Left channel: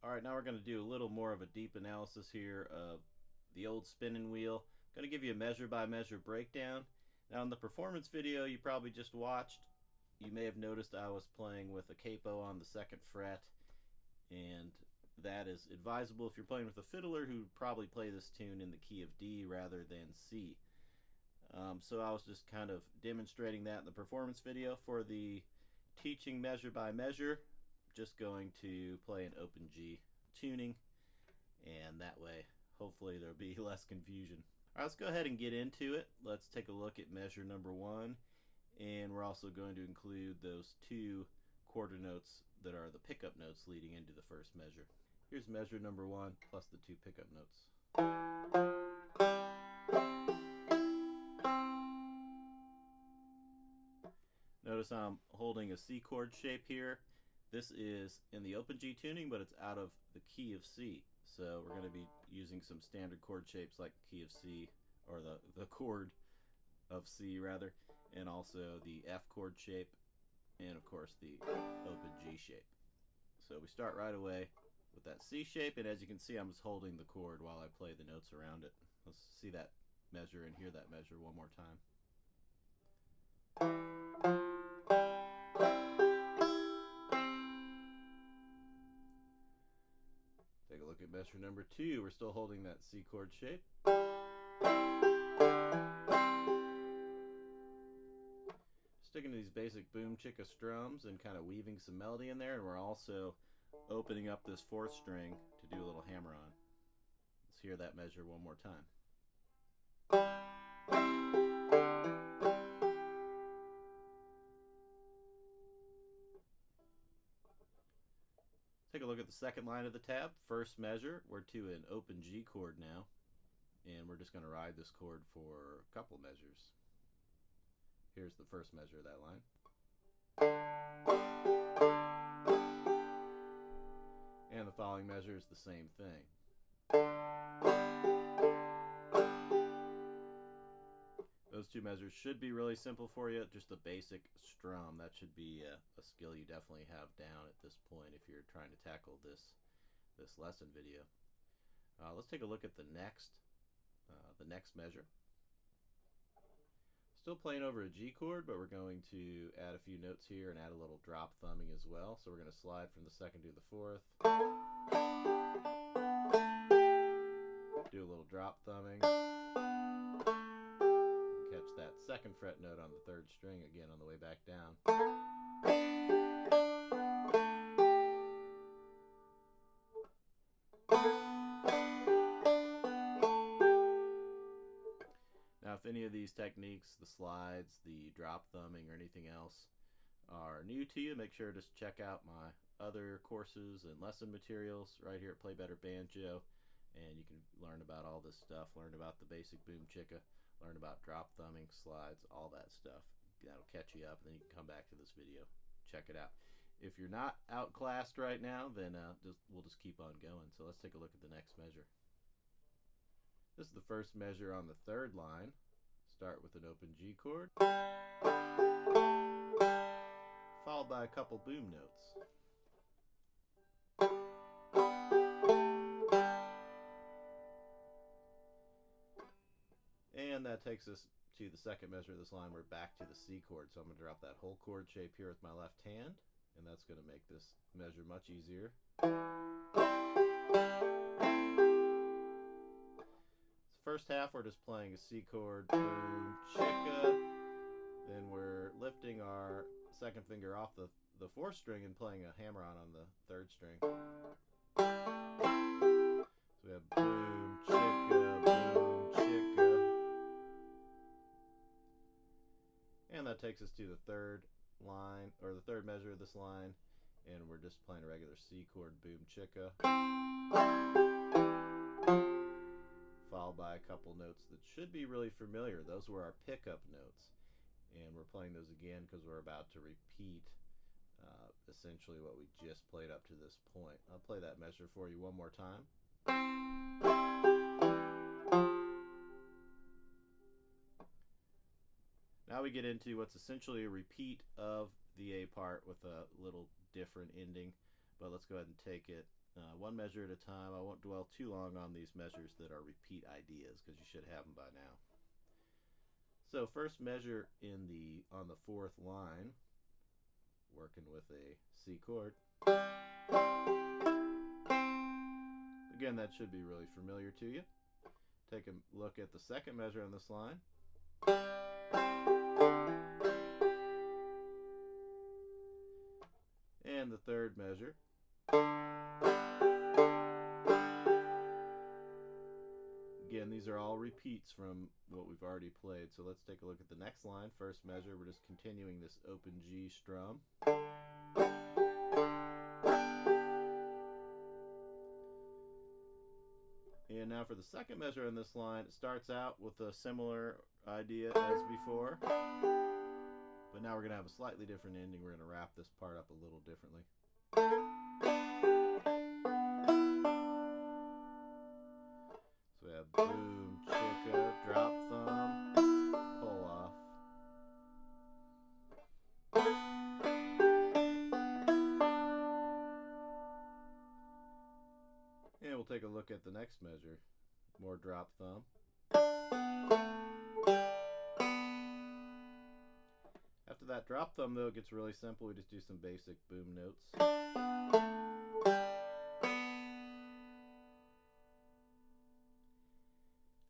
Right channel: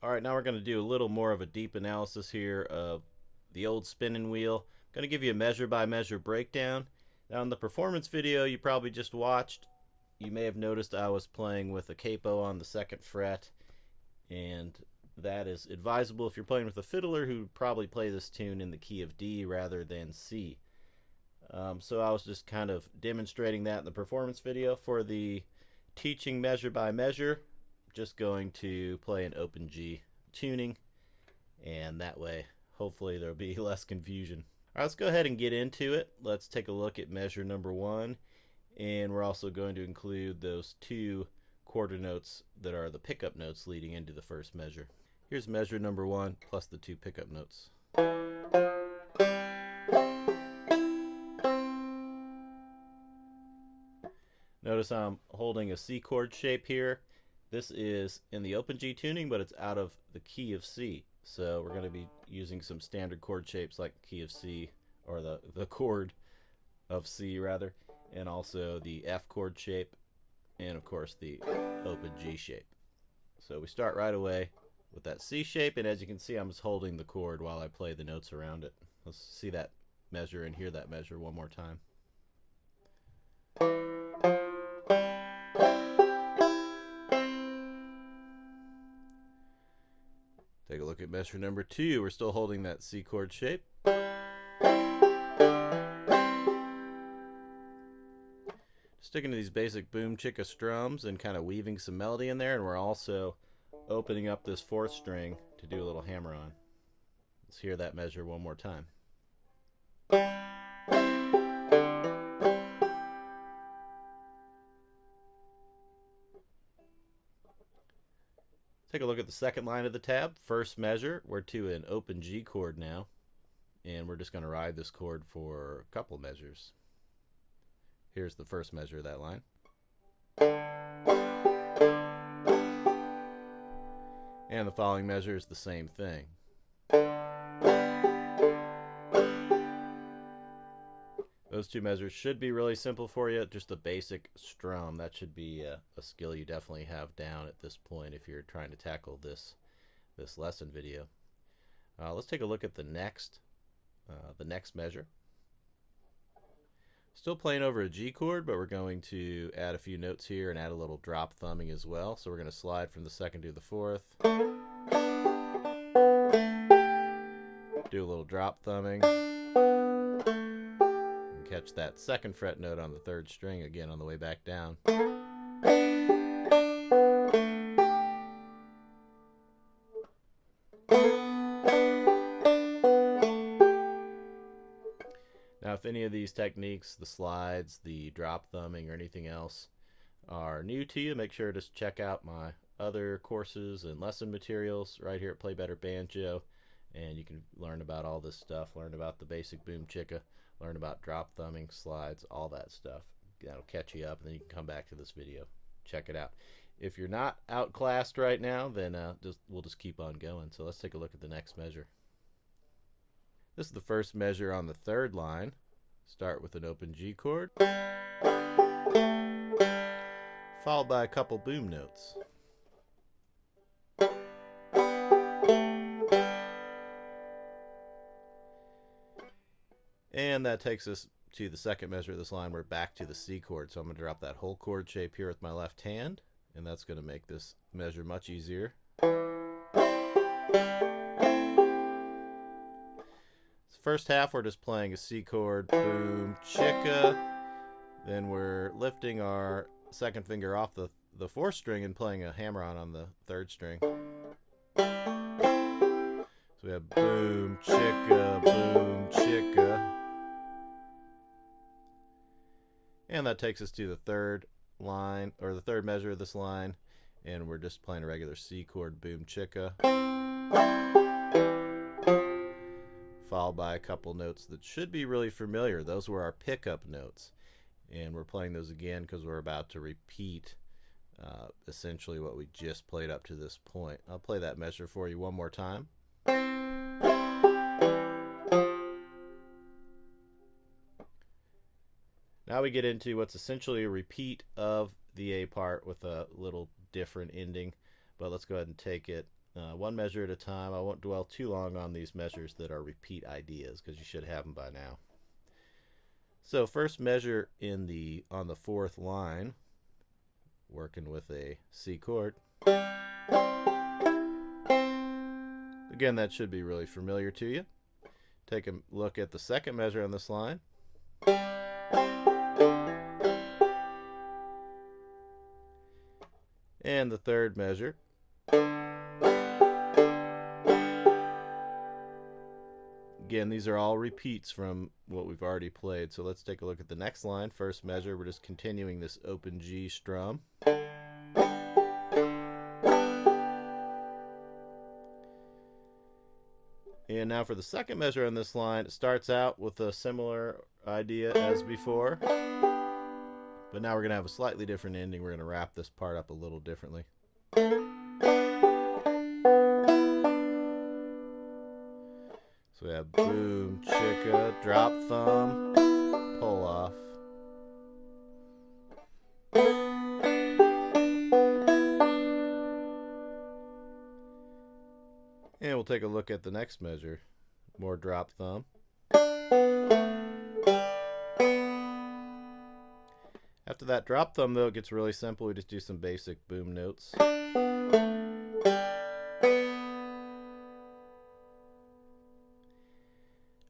Alright, now we're going to do a little more of a deep analysis here of the old spinning wheel. I'm going to give you a measure by measure breakdown. Now in the performance video you probably just watched, you may have noticed I was playing with a capo on the 2nd fret, and that is advisable if you're playing with a fiddler who'd probably play this tune in the key of D rather than C. So I was just kind of demonstrating that in the performance video. For the teaching measure by measure, just going to play an open G tuning, and that way hopefully there'll be less confusion. Alright, let's go ahead and get into it. Let's take a look at measure number 1, and we're also going to include those 2 quarter notes that are the pickup notes leading into the first measure. Here's measure number 1 plus the 2 pickup notes. Notice I'm holding a C chord shape here. This is in the open G tuning, but it's out of the key of C. So we're going to be using some standard chord shapes like key of C, or the chord of C rather, and also the F chord shape, and of course the open G shape. So we start right away with that C shape, and as you can see I'm just holding the chord while I play the notes around it. Let's see that measure and hear that measure one more time. Take a look at measure number 2. We're still holding that C chord shape. Sticking to these basic boom chicka strums and kind of weaving some melody in there, and we're also opening up this 4th string to do a little hammer on. Let's hear that measure one more time. Take a look at the 2nd line of the tab. First measure, we're to an open G chord now, and we're just going to ride this chord for a couple measures. Here's the first measure of that line. And the following measure is the same thing. Those 2 measures should be really simple for you, just a basic strum. That should be a skill you definitely have down at this point if you're trying to tackle this lesson video. Let's take a look at the next measure. Still playing over a G chord, but we're going to add a few notes here and add a little drop thumbing as well. So we're going to slide from the 2nd to the 4th. Do a little drop thumbing. Catch that 2nd fret note on the 3rd string again on the way back down. Now if any of these techniques, the slides, the drop thumbing, or anything else are new to you, make sure to check out my other courses and lesson materials right here at Play Better Banjo, and you can learn about all this stuff, learn about the basic boom chicka, learn about drop thumbing, slides, all that stuff. That'll catch you up, and then you can come back to this video. Check it out. If you're not outclassed right now, then we'll just keep on going. So let's take a look at the next measure. This is the first measure on the 3rd line. Start with an open G chord, followed by a couple boom notes. And that takes us to the 2nd measure of this line. We're back to the C chord, so I'm going to drop that whole chord shape here with my left hand, and that's going to make this measure much easier. First half we're just playing a C chord, boom, chicka, then we're lifting our 2nd finger off the 4th string and playing a hammer on the 3rd string. So we have boom, chicka, boom, chicka. And that takes us to the third line, or the third measure of this line, and we're just playing a regular C chord boom chicka, followed by a couple notes that should be really familiar. Those were our pickup notes, and we're playing those again because we're about to repeat essentially what we just played up to this point. I'll play that measure for you one more time. Now we get into what's essentially a repeat of the A part with a little different ending, but let's go ahead and take it one measure at a time. I won't dwell too long on these measures that are repeat ideas because you should have them by now. So first measure on the fourth line, working with a C chord. Again, that should be really familiar to you. Take a look at the second measure on this line. And the third measure. Again, these are all repeats from what we've already played. So let's take a look at the next line. First measure, we're just continuing this open G strum. And now for the second measure on this line, it starts out with a similar idea as before. But now we're going to have a slightly different ending. We're going to wrap this part up a little differently. So we have boom, chicka, drop thumb, pull off. And we'll take a look at the next measure. More drop thumb. After that drop thumb, though, it gets really simple. We just do some basic boom notes.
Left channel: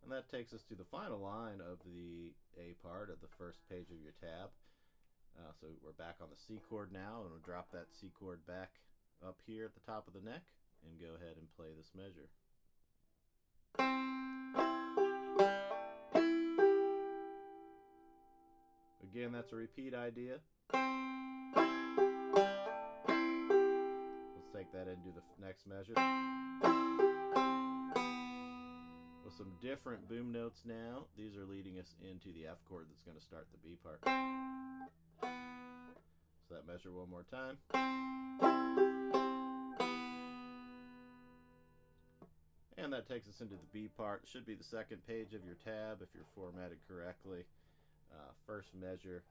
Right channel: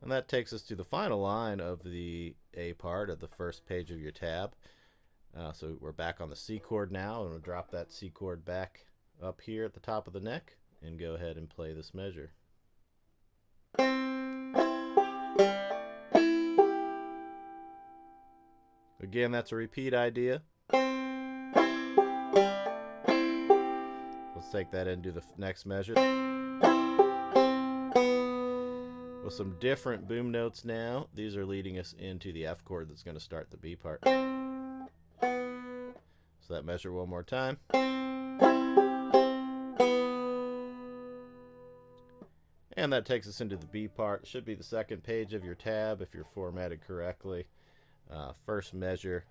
And that takes us to the final line of the A part of the first page of your tab. So we're back on the C chord now, and we'll drop that C chord back up here at the top of the neck and go ahead and play this measure. Again, that's a repeat idea. Let's take that into the next measure. With some different boom notes now. These are leading us into the F chord that's going to start the B part. So that measure one more time. And that takes us into the B part. It should be the second page of your tab if you're formatted correctly. First measure,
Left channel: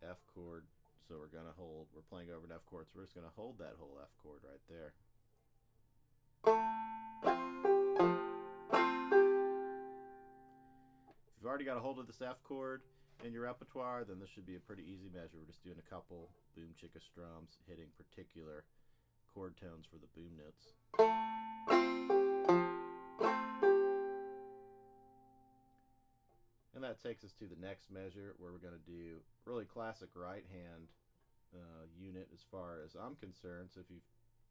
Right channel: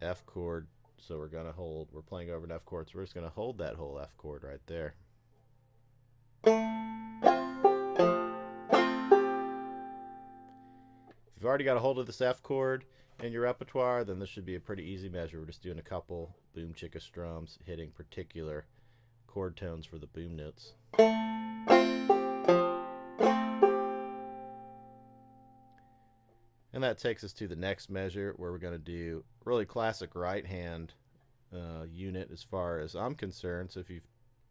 F chord. So we're playing over an F chord, so we're just going to hold that whole F chord right there. If you've already got a hold of this F chord in your repertoire, then this should be a pretty easy measure. We're just doing a couple boom chicka strums, hitting particular chord tones for the boom notes. And that takes us to the next measure, where we're going to do really classic right hand unit as far as I'm concerned. So if you've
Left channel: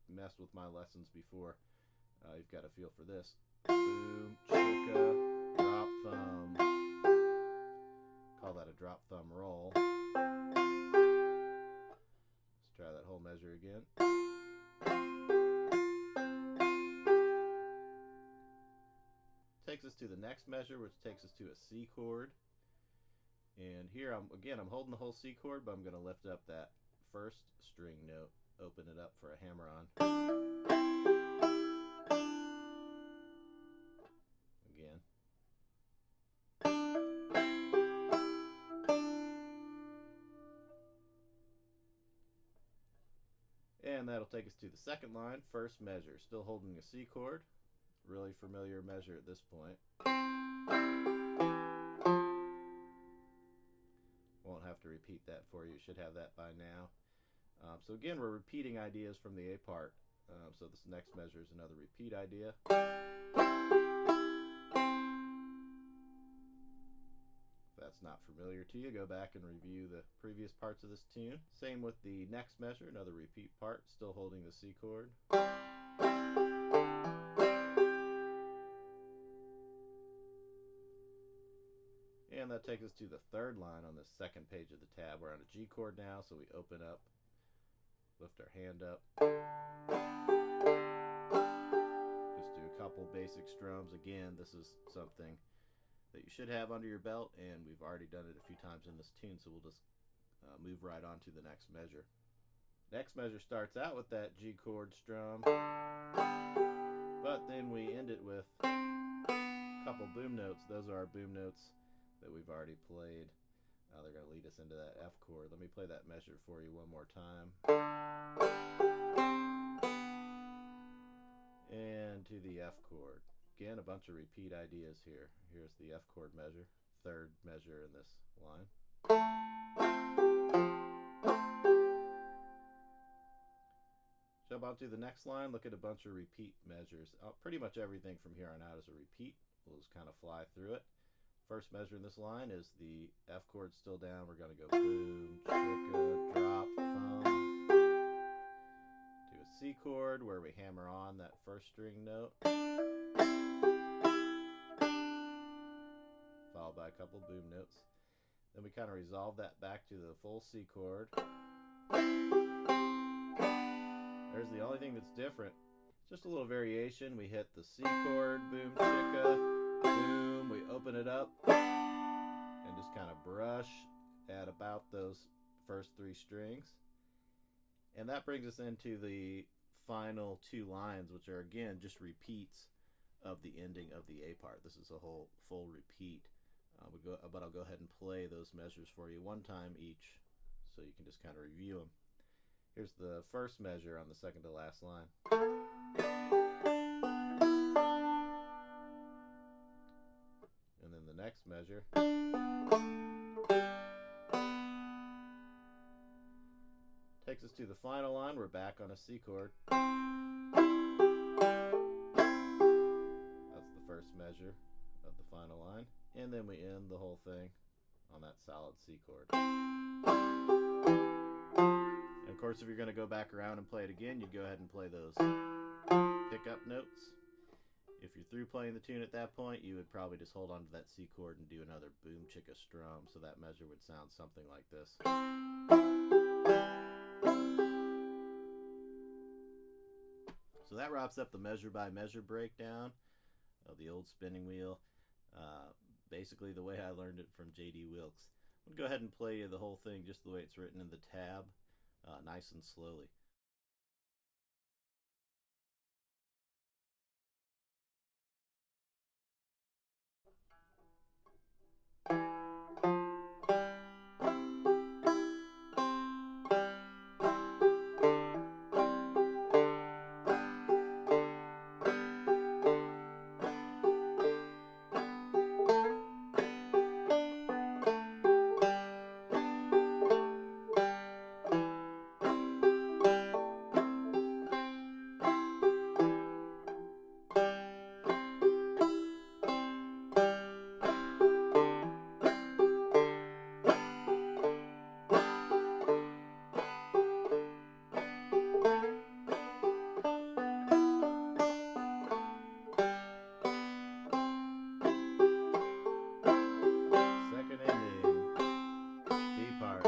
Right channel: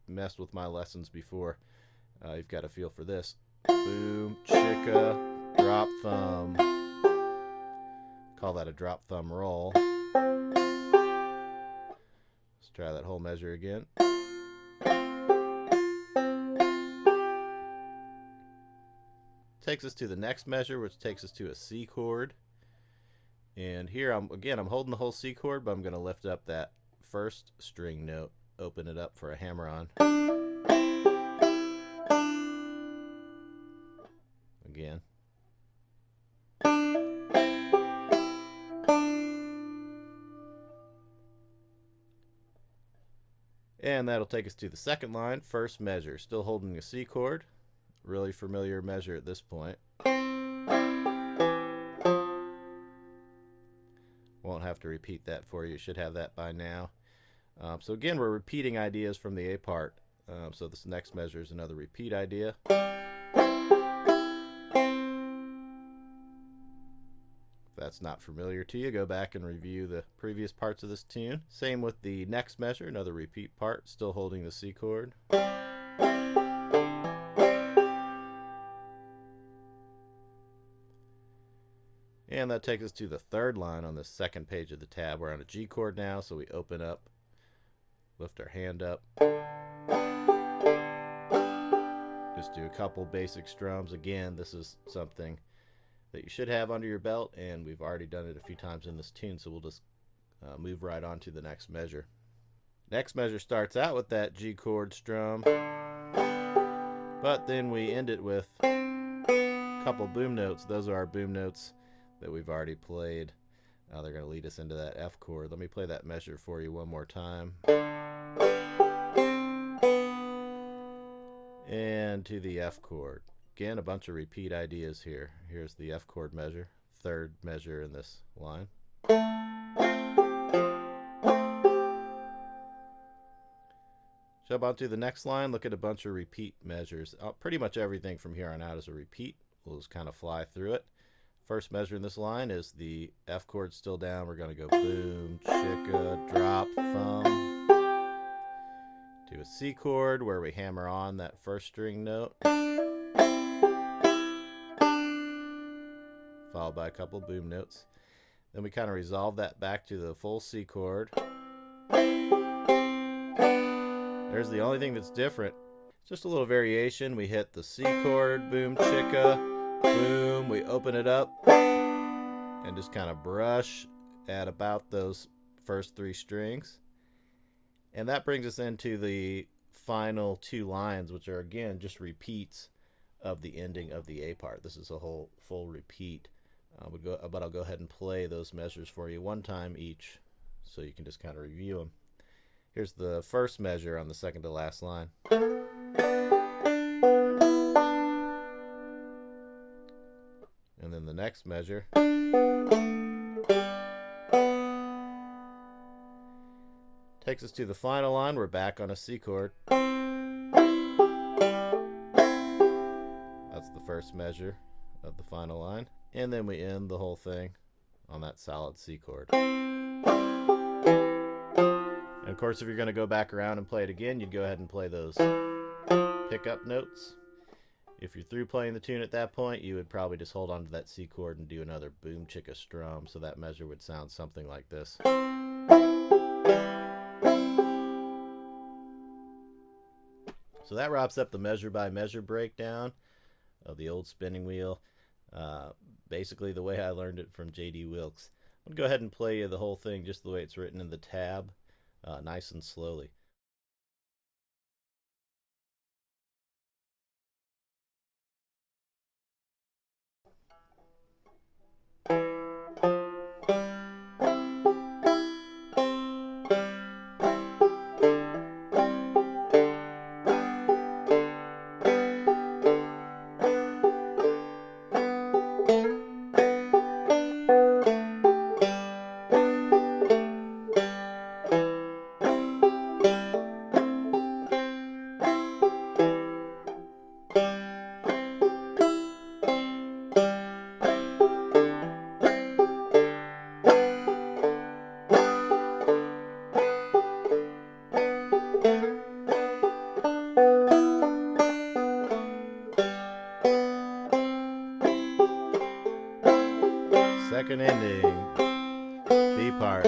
messed with my lessons before, you've got a feel for this. Boom, chicka, drop thumb. Call that a drop thumb roll. Let's try that whole measure again. Takes us to the next measure, which takes us to a C chord. And here I'm holding the whole C chord, but I'm going to lift up that first string note, open it up for a hammer on. Again. And that'll take us to the second line, first measure, still holding a C chord. Really familiar measure at this point. Won't have to repeat that for you. You should have that by now. So again, we're repeating ideas from the A part. So this next measure is another repeat idea. If that's not familiar to you, go back and review the previous parts of this tune. Same with the next measure, another repeat part, still holding the C chord. And that takes us to the third line on the second page of the tab. We're on a G chord now, so we open up, lift our hand up. Just do a couple basic strums. Again, this is something that you should have under your belt, and we've already done it a few times in this tune, so we'll just move right on to the next measure. Next measure starts out with that G chord strum, but then we end it with a couple boom notes. Those are our boom notes that we've already played. They're going to lead us into that F chord. Let me play that measure for you one more time. And to the F chord. Again, a bunch of repeat ideas here. Here's the F chord measure, third measure in this line. Jump on to the next line, look at a bunch of repeat measures. Pretty much everything from here on out is a repeat. We'll just kind of fly through it. First measure in this line is the F chord still down. We're going to go boom, chicka, drop, thumb. To a C chord where we hammer on that first string note. Followed by a couple boom notes. Then we kind of resolve that back to the full C chord. There's the only thing that's different. Just a little variation. We hit the C chord, boom, chicka, boom. We open it up and just kind of brush at about those first three strings. And that brings us into the final two lines, which are again just repeats of the ending of the A part. This is a whole full repeat. But I'll go ahead and play those measures for you one time each so you can just kind of review them. Here's the first measure on the second to last line. And then the next measure. Takes us to the final line. We're back on a C chord. That's the first measure of the final line. And then we end the whole thing on that solid C chord. And of course, if you're going to go back around and play it again, you'd go ahead and play those pickup notes. If you're through playing the tune at that point, you would probably just hold on to that C chord and do another boom chicka strum, so that measure would sound something like this. So that wraps up the measure by measure breakdown of the old spinning wheel. Basically the way I learned it from J.D. Wilkes. I'm going to go ahead and play you the whole thing just the way it's written in the tab, nice and slowly. Second ending, B part.